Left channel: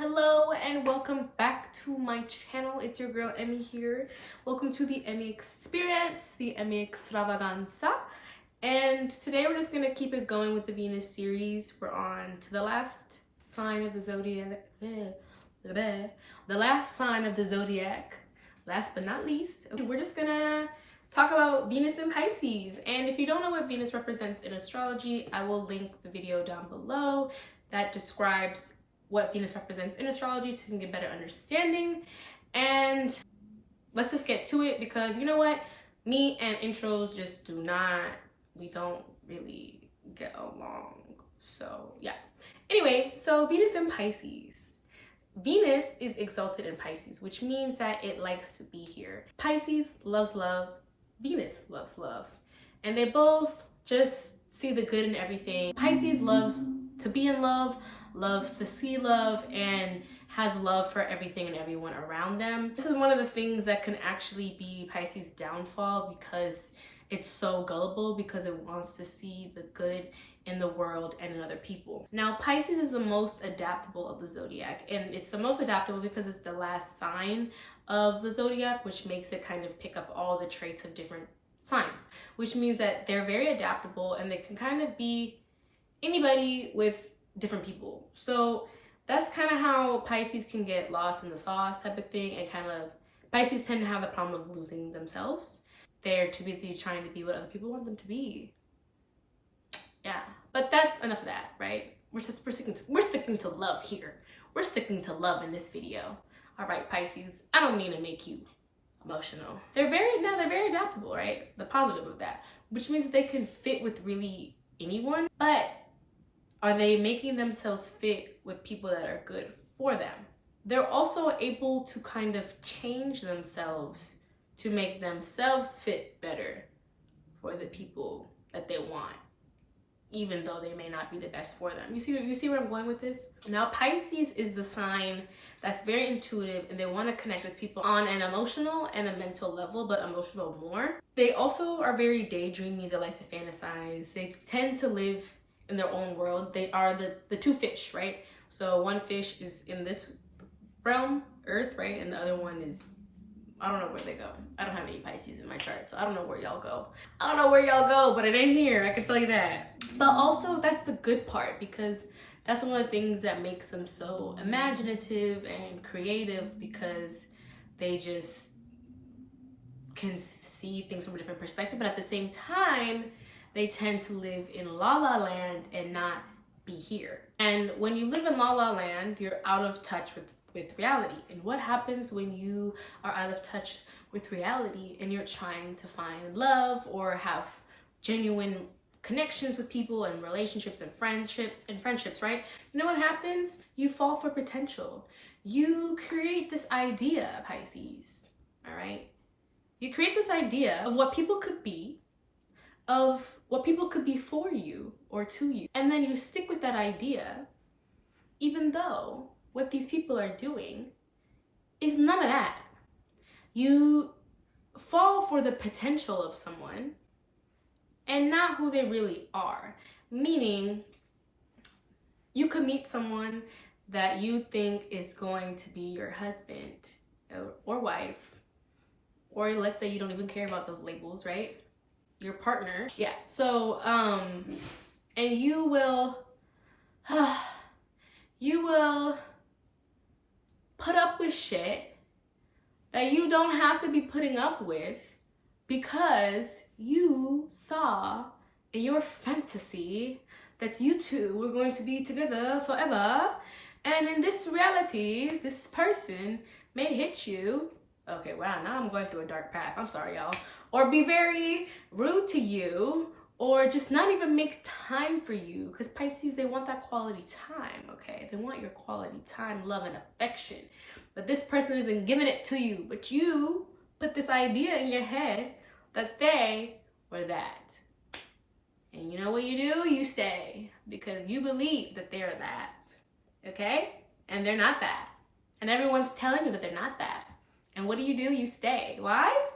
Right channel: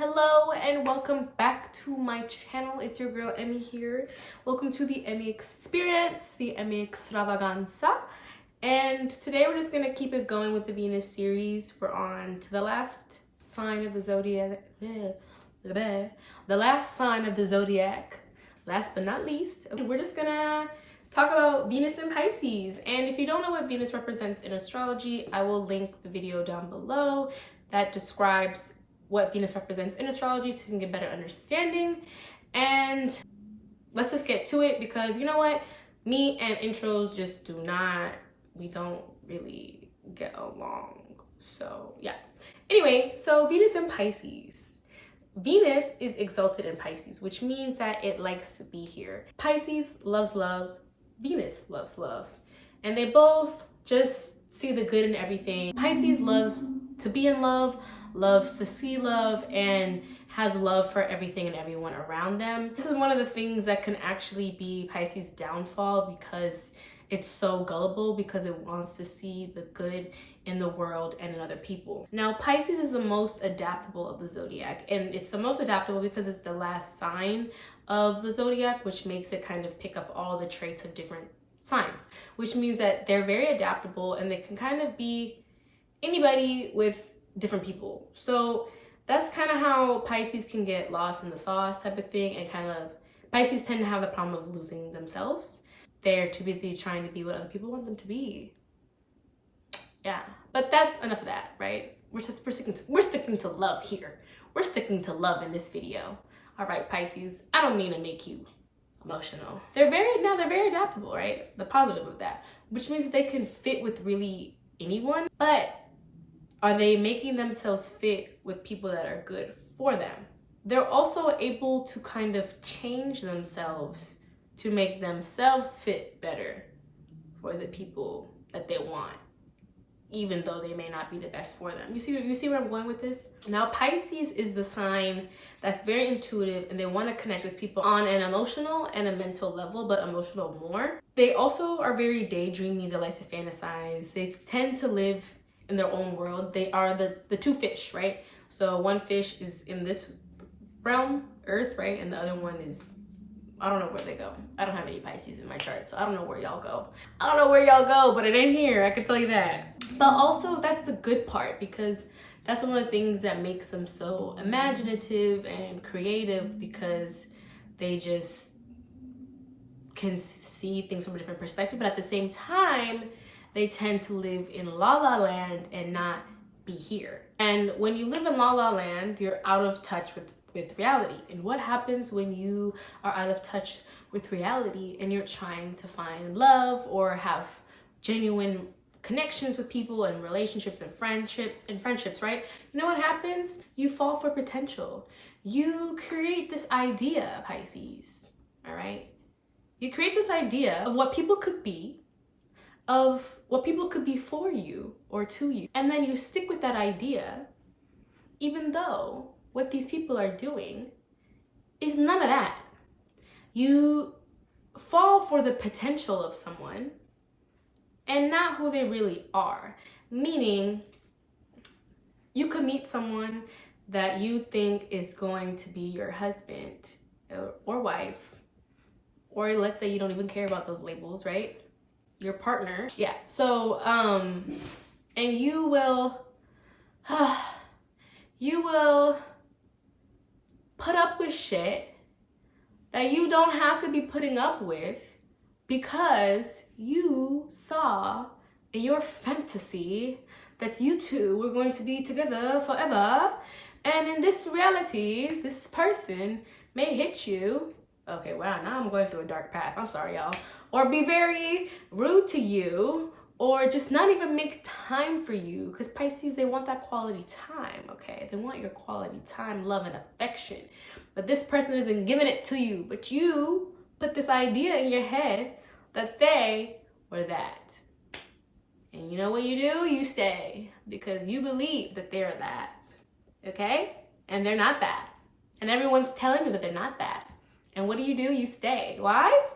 Hello and welcome back to my channel. It's your girl Emmy here. Welcome to the Emmy experience, the Emmy extravaganza. And today we're just gonna keep it going with the Venus series. We're on to the last sign of the zodiac. The last sign of the zodiac. Last but not least, we're just gonna talk about Venus in Pisces. And if you don't know what Venus represents in astrology, I will link the video down below that describes what Venus represents in astrology so you can get better understanding. And let's just get to it, because you know what? Me and intros just we don't really get along. So yeah. Anyway, so Venus in Pisces. Venus is exalted in Pisces, which means that it likes to be here. Pisces loves love, Venus loves love, and they both just see the good in everything. Pisces loves to be in love, loves to see love, and has love for everything and everyone around them. This is one of the things that can actually be Pisces' downfall, because it's so gullible, because it wants to see the good in the world and in other people. Now, Pisces is the most adaptable of the zodiac, and it's the most adaptable because it's the last sign of the zodiac, which makes it kind of pick up all the traits of different signs, which means that they're very adaptable and they can kind of be anybody with different people. So that's kind of how Pisces can get lost in the sauce type of thing, and kind of Pisces tend to have the problem of losing themselves. They're too busy trying to be what other people want them to be. Yeah, but that's enough of that, right? We're sticking to love here. We're sticking to love in this video. All right, Pisces, I don't mean to make you emotional. They're very adaptable, right? The positive of that, which means that they can fit with really anyone, but are they making themselves fit with people that are good for them? They're also able to kind of change themselves to make themselves fit better for the people that they want, even though they may not be the best for them. You see where I'm going with this? Now, Pisces is the sign that's very intuitive, and they want to connect with people on an emotional and a mental level, but emotional more. They also are very daydreamy. They like to fantasize. They tend to live in their own world. They are the two fish, right? So one fish is in this realm, Earth, right? And the other one is, I don't know where they go. I don't have any Pisces in my chart, so I don't know where y'all go. I don't know where y'all go, but it ain't here, I can tell you that. But also, that's the good part, because that's one of the things that makes them so imaginative and creative, because they just can see things from a different perspective. But at the same time, they tend to live in La La Land and not be here. And when you live in La La Land, you're out of touch with reality. And what happens when you are out of touch with reality and you're trying to find love or have genuine connections with people and relationships and friendships, right? You know what happens? You fall for potential. You create this idea, Pisces, all right? You create this idea of what people could be, of what people could be for you or to you. And then you stick with that idea, even though what these people are doing is none of that. You fall for the potential of someone and not who they really are. Meaning, you could meet someone that you think is going to be your husband or wife, or let's say you don't even care about those labels, right? Your partner. Yeah. So, and you will put up with shit that you don't have to be putting up with, because you saw in your fantasy that you two were going to be together forever. And in this reality, this person may hit you. Okay, wow, now I'm going through a dark path. I'm sorry, y'all. Or be very rude to you, or just not even make time for you. Because Pisces, they want that quality time, okay? They want your quality time, love, and affection. But this person isn't giving it to you. But you put this idea in your head that they were that. And you know what you do? You stay, because you believe that they're that, okay? And they're not that. And everyone's telling you that they're not that. And what do? You stay. Why?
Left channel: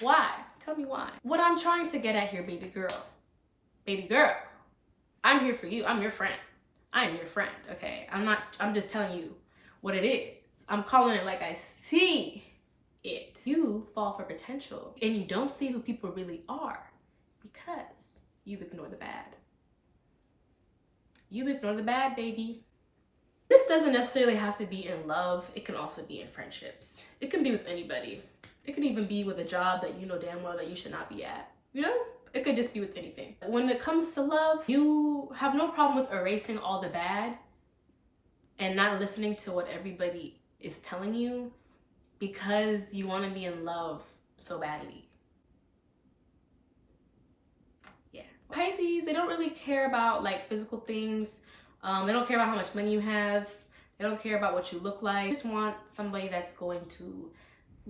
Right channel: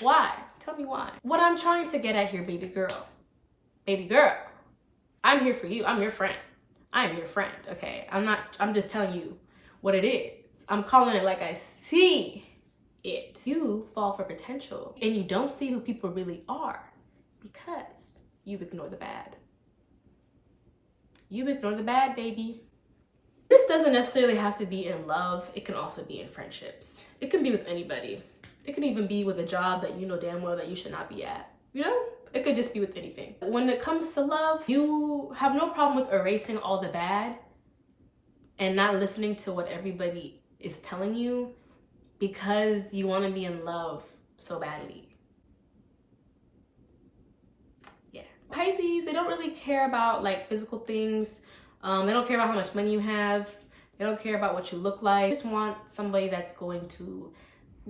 Why? Tell me why. What I'm trying to get at here, baby girl, I'm here for you. I'm your friend. I'm your friend, okay? I'm just telling you what it is. I'm calling it like I see it. You fall for potential and you don't see who people really are because you ignore the bad. You ignore the bad, baby. This doesn't necessarily have to be in love. It can also be in friendships. It can be with anybody. It can even be with a job that you know damn well that you should not be at. You know? It could just be with anything. When it comes to love, you have no problem with erasing all the bad and not listening to what everybody is telling you because you want to be in love so badly. Yeah. Pisces, they don't really care about like physical things. They don't care about how much money you have. They don't care about what you look like. They just want somebody that's going to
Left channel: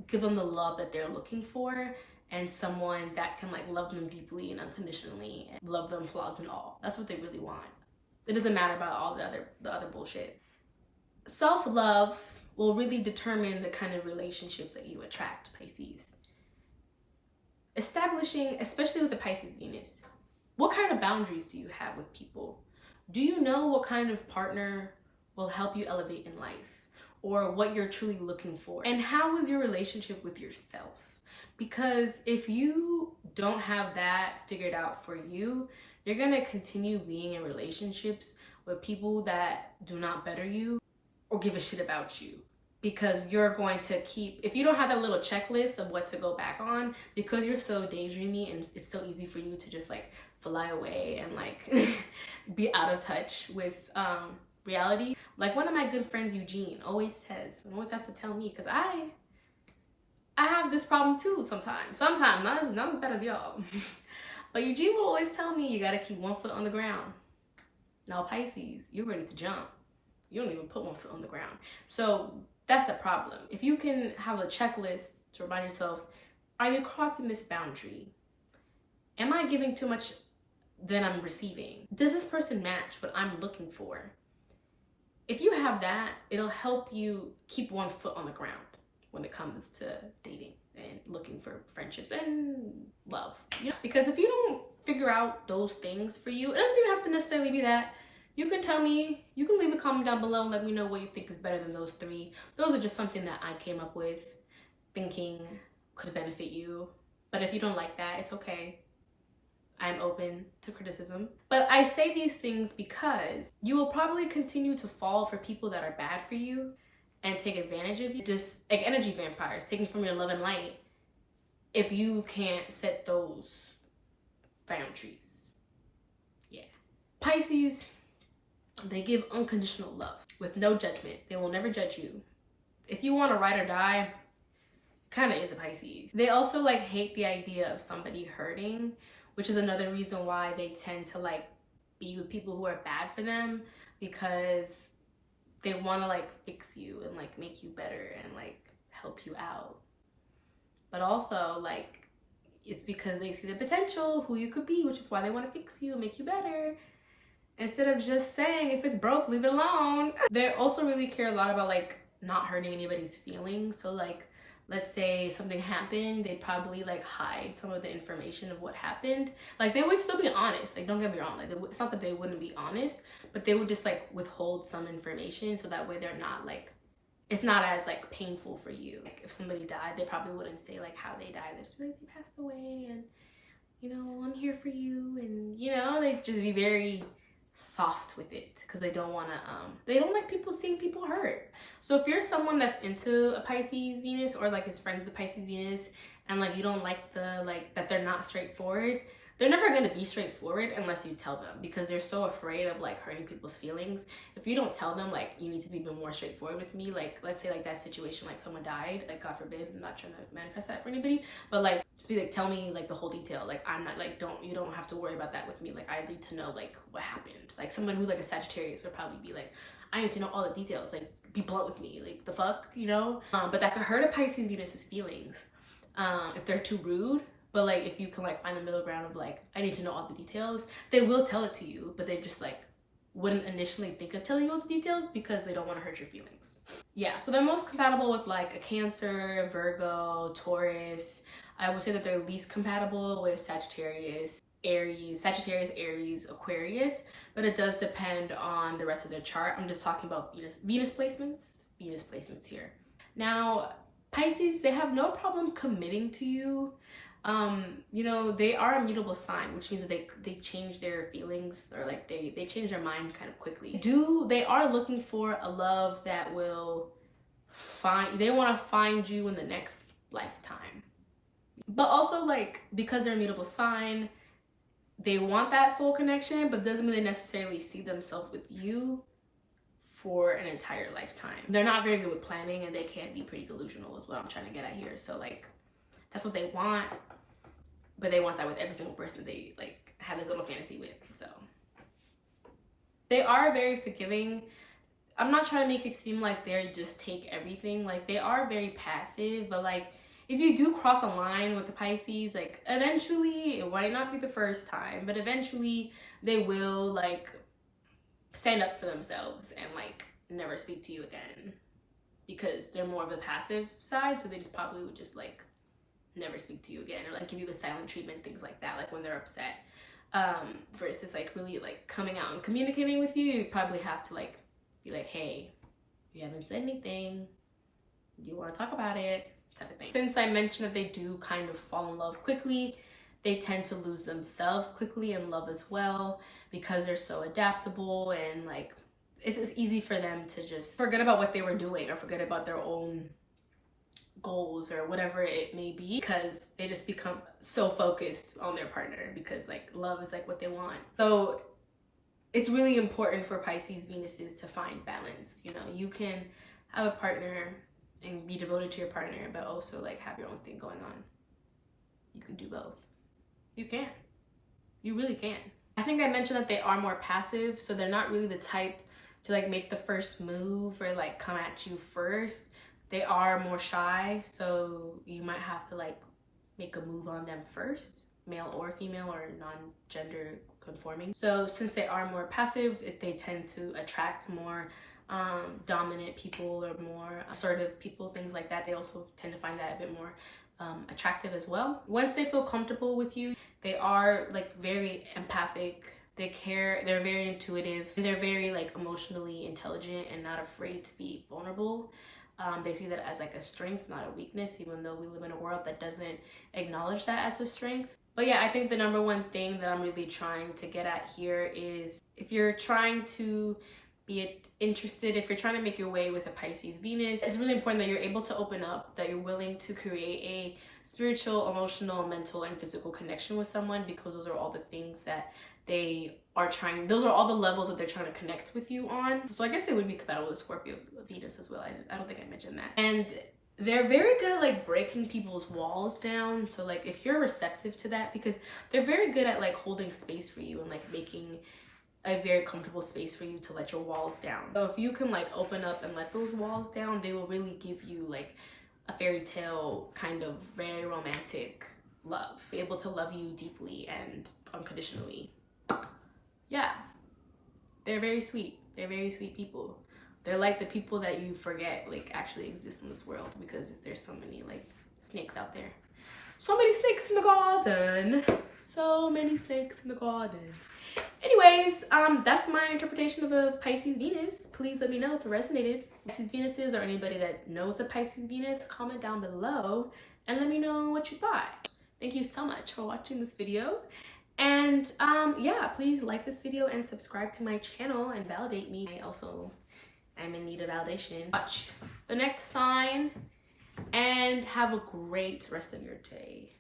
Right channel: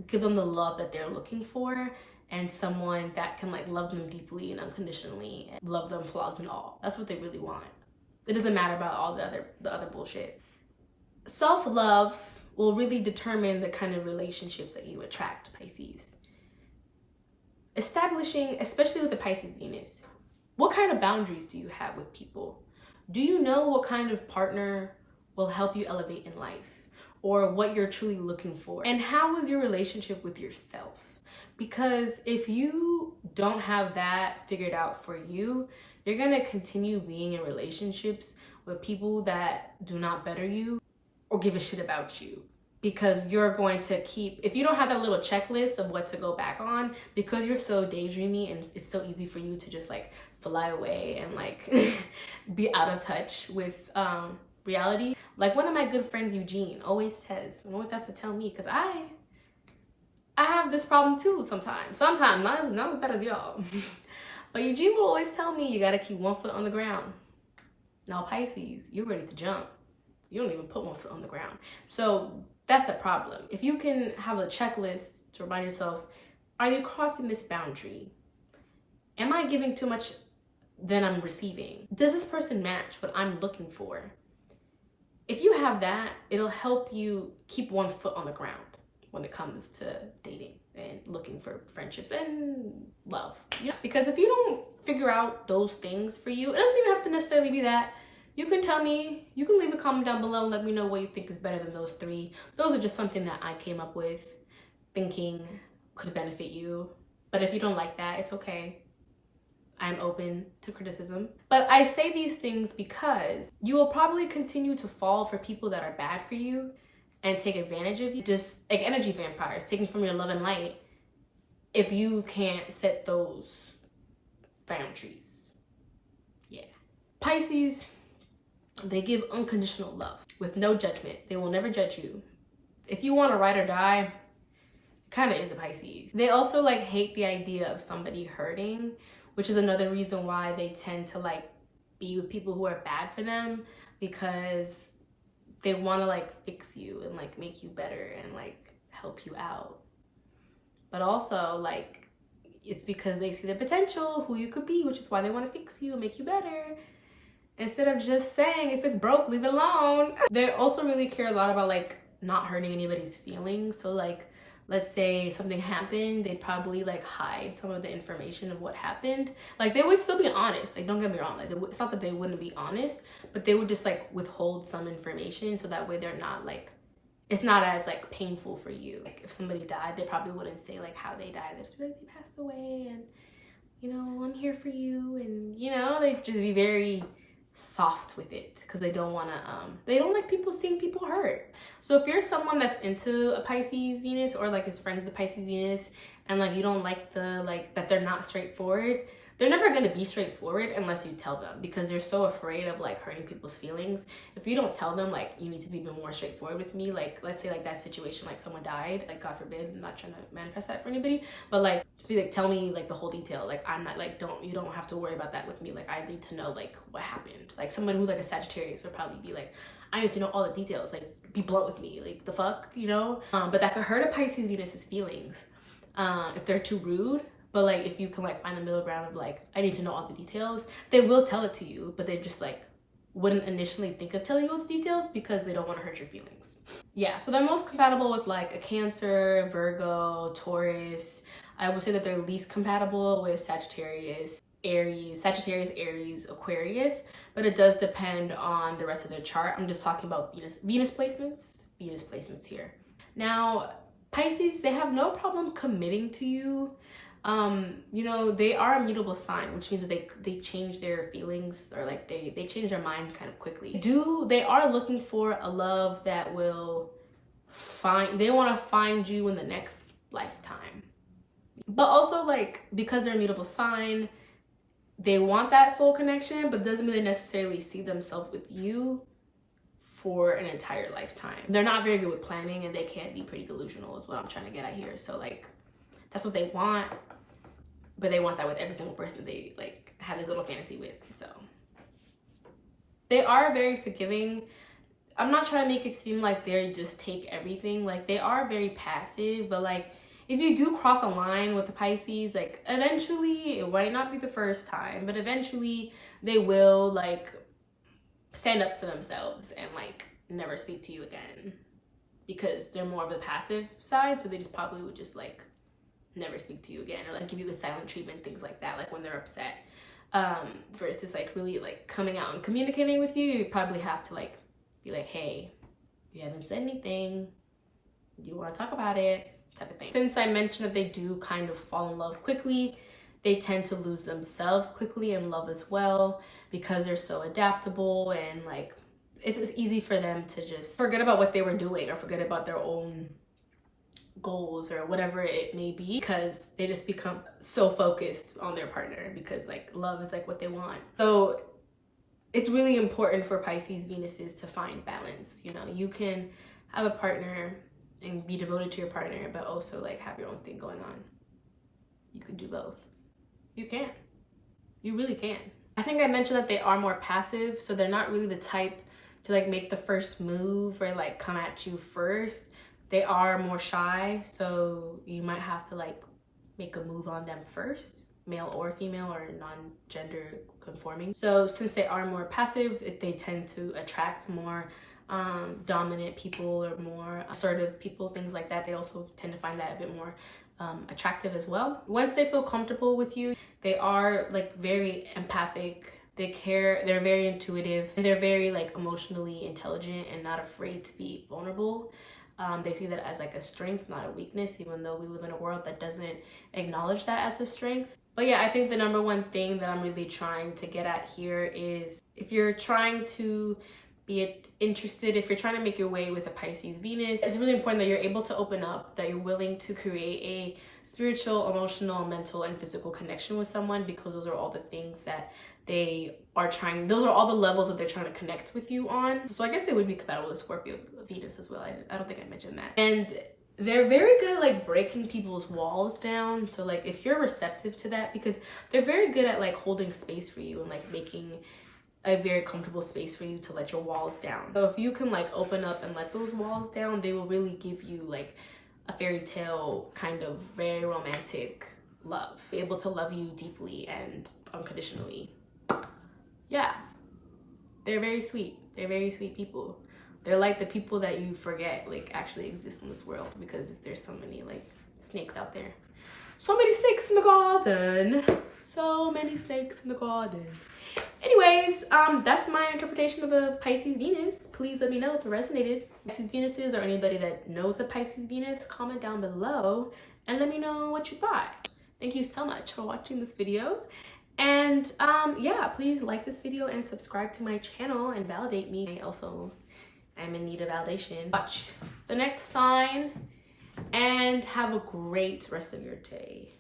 give them the love that they're looking for, and someone that can like love them deeply and unconditionally and love them flaws and all. That's what they really want. It doesn't matter about all the other bullshit. Self-love will really determine the kind of relationships that you attract, Pisces. Establishing, especially with the Pisces Venus, what kind of boundaries do you have with people? Do you know what kind of partner will help you elevate in life, or what you're truly looking for? And how is your relationship with yourself? Because if you don't have that figured out for you, you're gonna continue being in relationships with people that do not better you or give a shit about you. Because you're going to keep, if you don't have that little checklist of what to go back on, because you're so daydreamy and it's so easy for you to just like fly away and like be out of touch with reality. Like one of my good friends, Eugene, always says, and always has to tell me, because I have this problem too sometimes. Sometimes, not as bad as y'all. But Eugene will always tell me, you gotta keep one foot on the ground. Now Pisces, you're ready to jump. You don't even put one foot on the ground. So that's the problem. If you can have a checklist to remind yourself, are you crossing this boundary? Am I giving too much than I'm receiving? Does this person match what I'm looking for? If you have that, it'll help you keep one foot on the ground when it comes to dating and looking for friendships and love. You know, because if you don't figure out those things for you, it doesn't even have to necessarily be that. You can tell me, you can leave a comment down below and let me know what you think is better than those three. Those are just something that I came up with thinking could benefit you. But if you don't like that, it's okay. I'm open to criticism. But I say these things because you will probably continue to fall for people that are bad for you and take advantage of you. Just like energy vampires, taking from your love and light, if you can't set those boundaries. Yeah. Pisces, they give unconditional love with no judgment. They will never judge you. If you want to ride or die, kind of is a Pisces. They also like hate the idea of somebody hurting, which is another reason why they tend to like be with people who are bad for them, because they want to like fix you and like make you better and like help you out. But also like it's because they see the potential, who you could be, which is why they want to fix you and make you better. Instead of just saying, if it's broke, leave it alone. They also really care a lot about like not hurting anybody's feelings. So like, let's say something happened, they'd probably like hide some of the information of what happened. Like they would still be honest, like don't get me wrong, like it's not that they wouldn't be honest, but they would just like withhold some information so that way they're not like, it's not as like painful for you. Like if somebody died, they probably wouldn't say like how they died. They'd just be like, they passed away and you know, I'm here for you. And you know, they'd just be very soft with it because they don't want to they don't like people seeing people hurt. So if you're someone that's into a Pisces Venus or like is friends with the Pisces Venus and like you don't like the like that they're not straightforward, they're never going to be straightforward unless you tell them, because they're so afraid of like hurting people's feelings. If you don't tell them like you need to be more straightforward with me, like let's say like that situation, like someone died, like God forbid, I'm not trying to manifest that for anybody, but like just be like, tell me like the whole detail. Like I'm not like, you don't have to worry about that with me. Like I need to know like what happened. Like someone who like a Sagittarius would probably be like, I need to know all the details, like be blunt with me, like the fuck, you know? But that could hurt a Pisces Venus's feelings if they're too rude. But like if you can like find the middle ground of like, I need to know all the details, they will tell it to you, but they just like wouldn't initially think of telling you all the details because they don't want to hurt your feelings. Yeah, so they're most compatible with like a Cancer, Virgo, Taurus. I would say that they're least compatible with Sagittarius. Aries, Sagittarius, Aries, Aquarius, but it does depend on the rest of their chart. I'm just talking about Venus placements here. Now, Pisces, they have no problem committing to you. You know, they are a mutable sign, which means that they change their feelings, or like they change their mind kind of quickly. They are looking for a love that will they want to find you in the next lifetime. But also, like, because they're a mutable sign, they want that soul connection, but doesn't mean they necessarily see themselves with you for an entire lifetime. They're not very good with planning, and they can be pretty delusional is what I'm trying to get at here. So like, that's what they want, but they want that with every single person that they like have this little fantasy with. So they are very forgiving. I'm not trying to make it seem like they just take everything. Like, they are very passive, but like, if you do cross a line with the Pisces, like, eventually, it might not be the first time, but eventually they will like stand up for themselves and like never speak to you again, because they're more of the passive side. So they just probably would just like never speak to you again, or like give you the silent treatment, things like that, like when they're upset. Versus like really like coming out and communicating with you, you probably have to like be like, hey, you haven't said anything, do you want to talk about it, type of thing. Since I mentioned that they do kind of fall in love quickly, they tend to lose themselves quickly in love as well, because they're so adaptable, and like it's easy for them to just forget about what they were doing or forget about their own goals or whatever it may be, because they just become so focused on their partner, because like love is like what they want. So it's really important for Pisces Venuses to find balance. You know, you can have a partner and be devoted to your partner, but also like have your own thing going on. You can do both. You can. You really can. I think I mentioned that they are more passive, so they're not really the type to like make the first move or like come at you first. They are more shy, so you might have to like make a move on them first, male or female or non-gender conforming. So since they are more passive, they tend to attract more dominant people or more assertive people, things like that. They also tend to find that a bit more attractive as well. Once they feel comfortable with you, they are like very empathic. They care, they're very intuitive, and they're very like emotionally intelligent and not afraid to be vulnerable. They see that as like a strength, not a weakness, even though we live in a world that doesn't acknowledge that as a strength. But yeah, I think the number one thing that I'm really trying to get at here is, if you're trying to be interested, if you're trying to make your way with a Pisces Venus, it's really important that you're able to open up, that you're willing to create a spiritual, emotional, mental, and physical connection with someone, because those are all the things that they are trying, those are all the levels that they're trying to connect with you on. So I guess they would be compatible with Scorpio Venus as well. I don't think I mentioned that. And they're very good at like breaking people's walls down. So like if you're receptive to that, because they're very good at like holding space for you and like making a very comfortable space for you to let your walls down. So if you can like open up and let those walls down, they will really give you like a fairy tale kind of very romantic love, be able to love you deeply and unconditionally. Yeah, they're very sweet. They're very sweet people. They're like the people that you forget like actually exist in this world, because there's so many like snakes out there. So many snakes in the garden. So many snakes in the garden. Anyways, that's my interpretation of a Pisces Venus. Please let me know if it resonated. Pisces Venuses, or anybody that knows a Pisces Venus, comment down below and let me know what you thought. Thank you so much for watching this video. And yeah, please like this video and subscribe to my channel and validate me. I also am in need of validation. Watch the next sign and have a great rest of your day.